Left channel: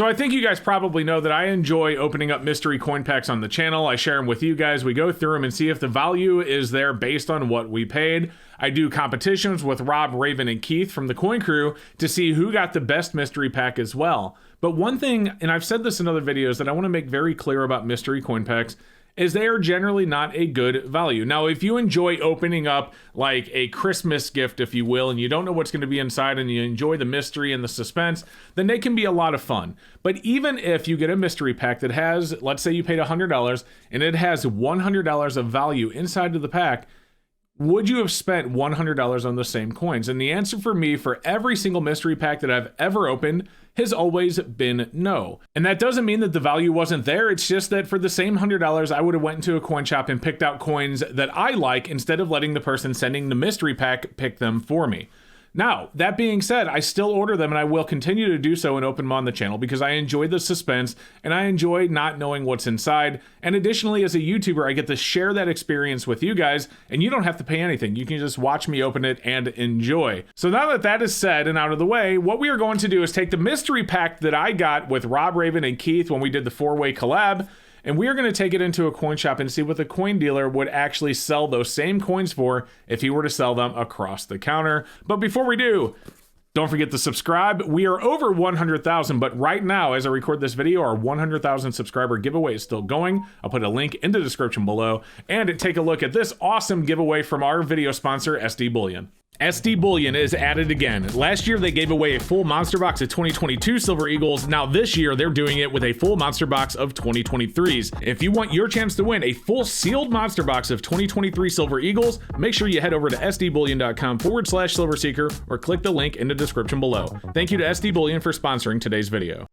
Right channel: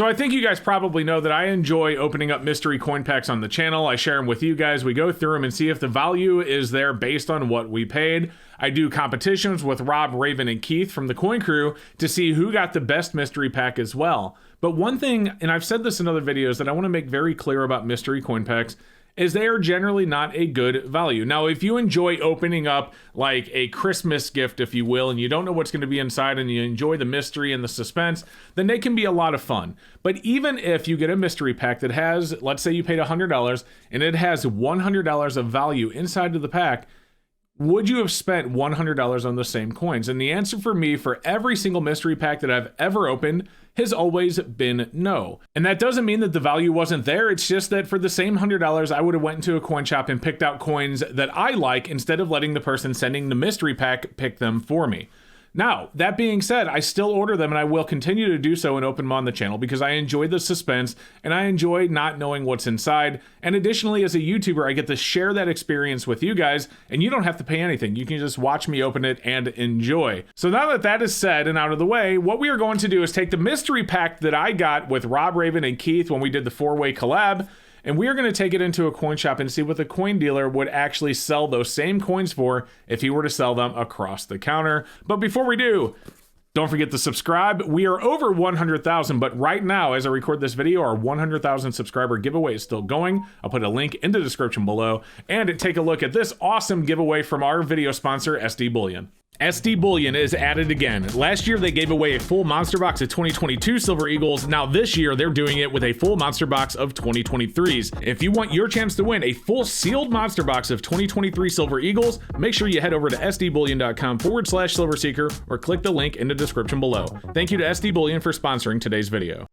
So I think you guys probably know that I enjoy opening up mystery coin packs on the channel. I share them with you guys. We go through them and see if the value is there based on what we paid. I do competitions with Rob, Raven, and Keith from the Coin Crew to see who got the best mystery pack as well. But one thing, and I've said this in other videos, that I want to make very clear about mystery coin packs is they are generally not a good value. Now, if you enjoy opening up like a Christmas gift, if you will, and you don't know what's going to be inside and you enjoy the mystery and the suspense, then they can be a lot of fun. But even if you get a mystery pack that has, let's say you paid $100 and it has $100 of value inside of the pack, would you have spent $100 on the same coins? And the answer for me for every single mystery pack that I've ever opened has always been no. And that doesn't mean that the value wasn't there. It's just that for the same $100, I would have went into a coin shop and picked out coins that I like instead of letting the person sending the mystery pack pick them for me. Now, that being said, I still order them and I will continue to do so and open them on the channel because I enjoy the suspense and I enjoy not knowing what's inside. And additionally, as a YouTuber, I get to share that experience with you guys and you don't have to pay anything. You can just watch me open it and enjoy. So now that that is said and out of the way, what we are going to do is take the mystery pack that I got with Rob, Raven, and Keith when we did the 4-way collab, and we are going to take it into a coin shop and see what the coin dealer would actually sell those same coins for if he were to sell them across the counter. But before we do, don't forget to subscribe. We are over 100,000, but right now, as I record this video, our 100,000 subscriber giveaway is still going. I'll put a link in the description below. And take a look at this awesome giveaway from our video sponsor, SD Bullion. SD Bullion is at it again. Last year, they gave away a full monster box of 2022 Silver Eagles. Now this year, they're doing it with a full monster box of 2023s. If you want your chance to win a full sealed monster box of 2023 Silver Eagles, make sure you head over to sdbullion.com/silverseeker or click the link in the description below. Thank you to SD Bullion for sponsoring today's video.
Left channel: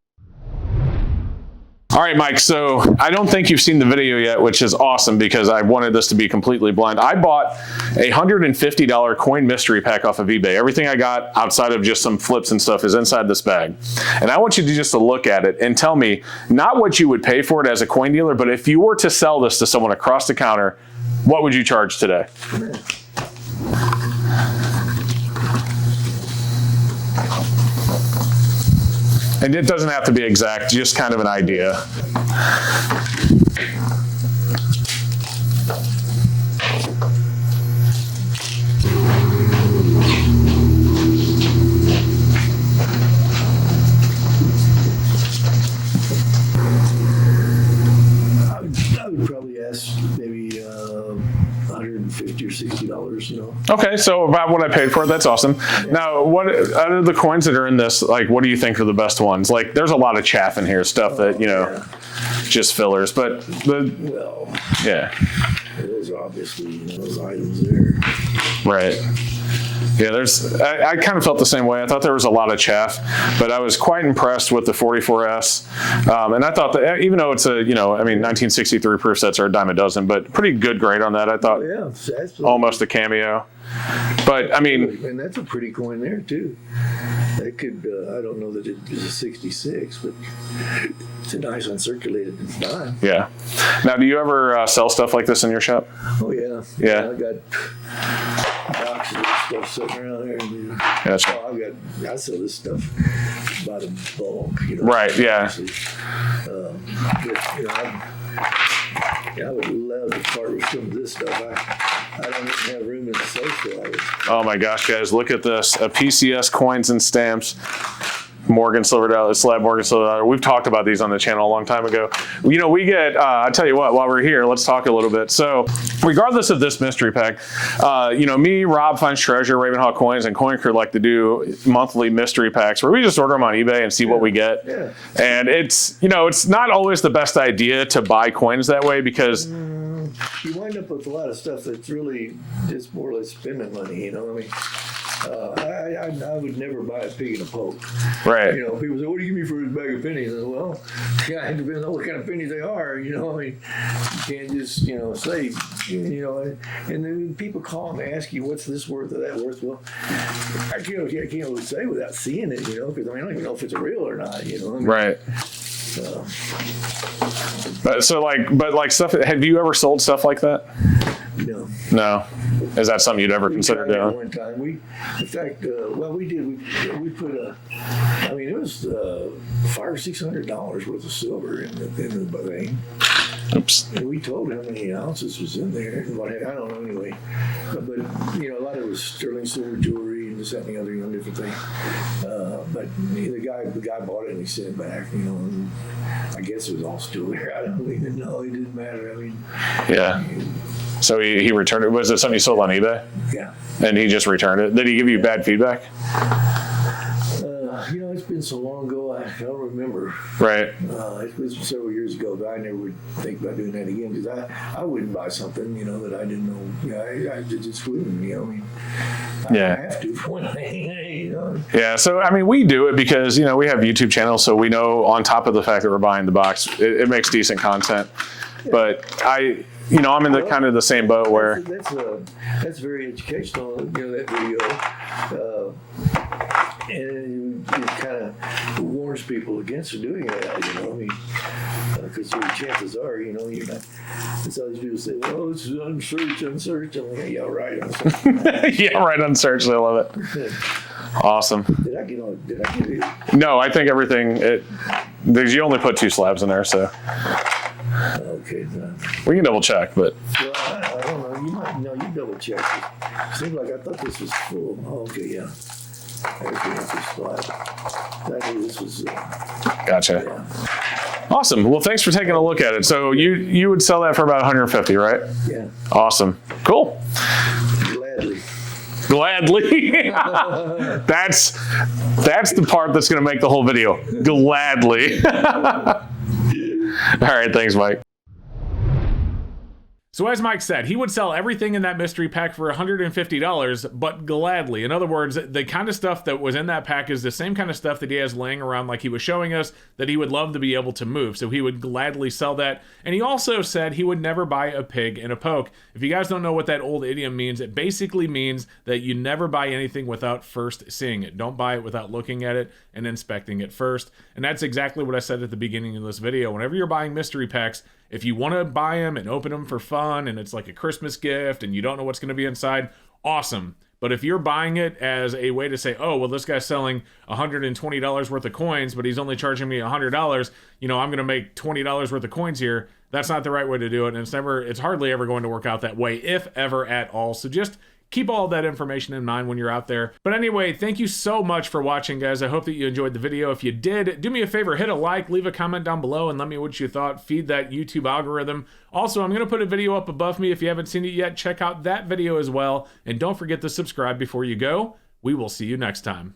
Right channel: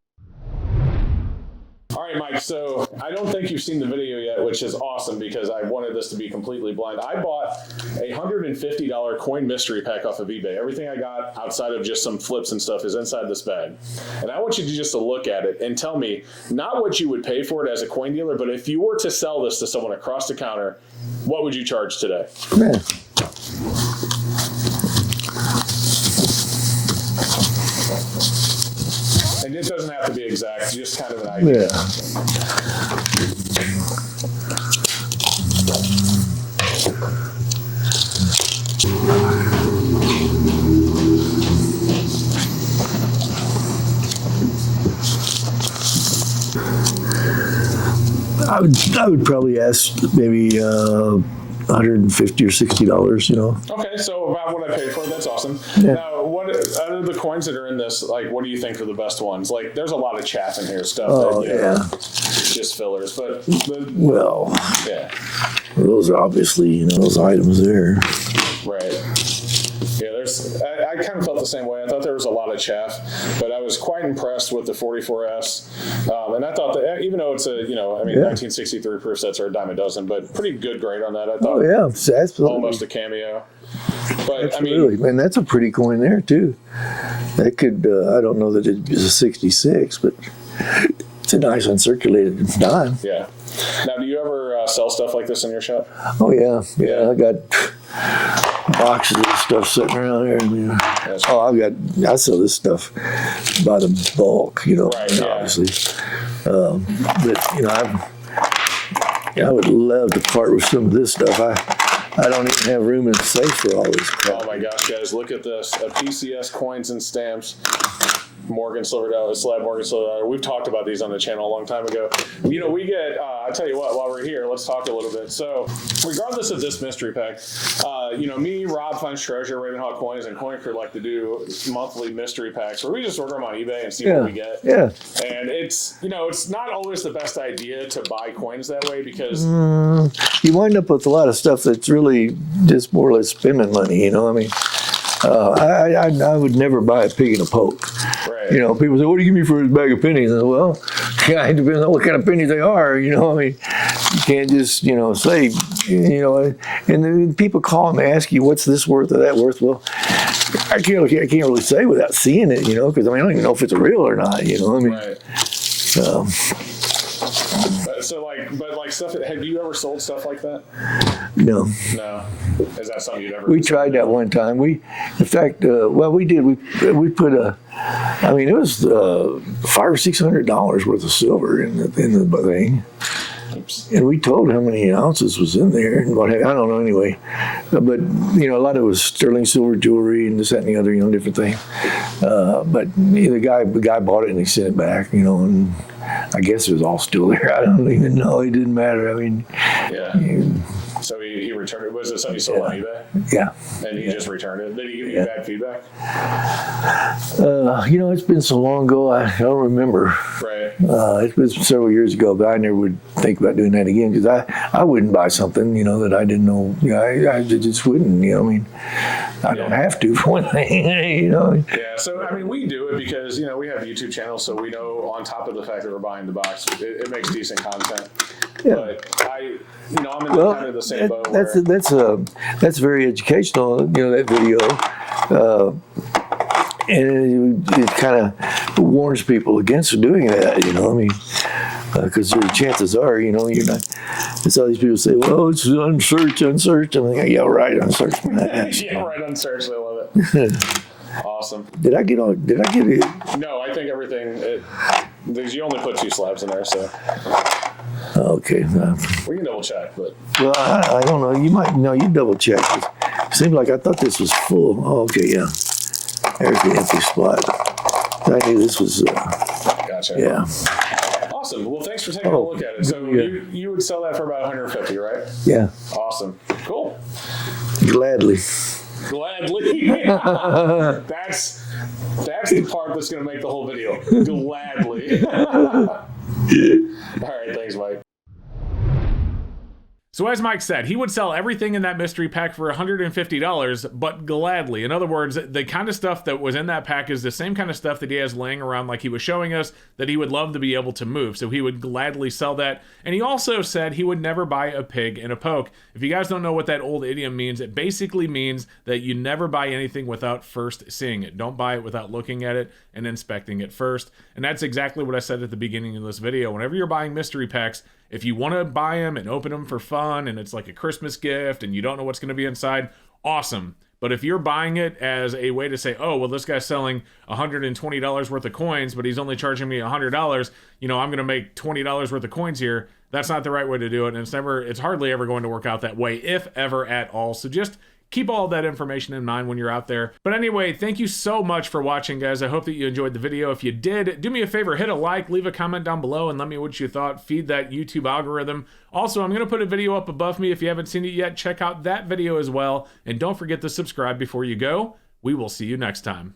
All right, Mike, so I don't think you've seen the video yet, which is awesome because I wanted this to be completely blind. I bought a $150 coin mystery pack off of eBay. Everything I got outside of just some flips and stuff is inside this bag. And I want you to just to look at it and tell me not what you would pay for it as a coin dealer, but if you were to sell this to someone across the counter, what would you charge today? Man. And it doesn't have to be exact, just kind of an idea. Yeah. I would probably ask maybe $150 or $60, you know. Okay, so about what I paid for it, that's awesome. Yeah. Now, what out of the coins that are in this, like, what do you think are the best ones? Like, there's a lot of chaff in here, stuff that, you know, just fillers, but well, yeah. Those are obviously, you know, those items there. Right. Yeah, I kind of felt the same way. I thought there was a lot of chaff, but I was quite impressed with the 44S. And I thought that even though it's a, you know, I mean, 1963 proof sets are a dime a dozen, but pretty good grade on that. I thought almost a cameo. But absolutely. I mean, and that's a pretty coin there too. That could, I don't know that it is a 66, but it's a nice uncirculated dime. Yeah. Now, do you ever sell stuff like this in your shop? Oh yeah. Yeah. I got boxes of stuff sitting around there. I sell this stuff by the bulk, you know. Right. Obviously. But you know, I would love to part with some of this stuff. I don't even have room in the safe for all this crap. Oh my gosh, guys, look at this. A PCS coins and stamps. Morgan Silver Dollar, Slab Morgan Silver Dollar. We've talked about these on the channel a long time ago. You know, we get, I tell you what, while we're here, let's talk a little bit. So regardless of this mystery pack, you know, me, Rob Finds Treasure, Ravenhawk Coins, and Coin Crew like to do monthly mystery packs where we just order them on eBay and see what we get. Yeah. And it's, you know, it's not always the best idea to buy coins that way because you wind up with a lot of stuff that's really just more or less spending money, you know. I mean, I would never buy a pig in a poke. Right. You know, people say, what do you give me for a bag of pennies? And I say, well, yeah, it depends on what kind of pennies they are. You know, I mean, you can't just, you know, say, you know, and then people call and ask you, what's this worth or that worth? Well, I can't really say without seeing it, you know, because I mean, I don't even know if it's real or not, you know. I mean, right. But like stuff, have you ever sold stuff like that? No. No. Is that something you'd ever We consider tried doing? that one time. In fact, well, we did. We put a I mean, it was $500 or $600 worth of silver in the thing. Oops. And we told how many ounces was in there. And what, I don't know anyway. But, you know, a lot of it was sterling silver jewelry and this, that, and the other, you know, different thing. But you know, the guy bought it and he sent it back, you know, and I guess it was all still there. I don't even know. It didn't matter. I mean, yeah. So he returned it. Was it something he sold on eBay? Yeah. And he just returned it. Did he give you bad feedback? You know, it's been so long ago, I don't remember. Right. It was several years ago, but I never would think about doing that again because I wouldn't buy something, you know, that I didn't know. You know, I just wouldn't, you know. I mean, I don't have to for one thing, you know. Yeah. So, I mean, we do it because, you know, we have YouTube channels, so we know on top of the fact that we're buying the box, it makes decent content. Yeah. But you know, I'm in the kind of the same boat where that's very educational. You know, that video, and it kind of warns people against doing that. You know, I mean, because the chances are, you know, you're not. It's all these people say, "Well, it's unsearched." I'm like, yeah, right, unsearched. Yeah, right, unsearched. I love it. Awesome. Did I get it? No, I think everything. You only put 2 slabs in there, so. Okay. We can double check, but. Well, I don't know. You might. No, you double check. It seemed like I thought this was full. Oh, okay, yeah. There's the empty spot. I knew this was. Gotcha. Yeah. Awesome. Well, thanks for taking a look at it. So you would sell that for about 150, right? Yeah. Awesome. Cool. Gladly. That's the part that's going to make the whole video. Gladly. All right. Thanks, Mike. So as Mike said, he would sell everything in that mystery pack for $150, but gladly. In other words, the kind of stuff that was in that pack is the same kind of stuff that he has laying around, like he was showing us, that he would love to be able to move. So he would gladly sell that. And he also said he would never buy a pig in a poke. If you guys don't know what that old idiom means, it basically means that you never buy anything without first seeing it. Don't buy it without looking at it and inspecting it first. And that's exactly what I said at the beginning of this video. Whenever you're buying mystery packs, if you want to buy them and open them for fun and it's like a Christmas gift and you don't know what's going to be inside, awesome. But if you're buying it as a way to say, oh, well, this guy's selling $120 worth of coins, but he's only charging me $100, you know, I'm going to make $20 worth of coins here. That's not the right way to do it. And it's hardly ever going to work out that way, if ever at all. So just keep all that information in mind when you're out there. But anyway, thank you so much for watching, guys. I hope that you enjoyed the video. If you did, do me a favor, hit a like, leave a comment down below, and let me know what you thought. Feed that YouTube algorithm. Also, I'm going to put a video up above me. If you haven't seen it yet, check out that video as well. And don't forget to subscribe before you go. We will see you next time.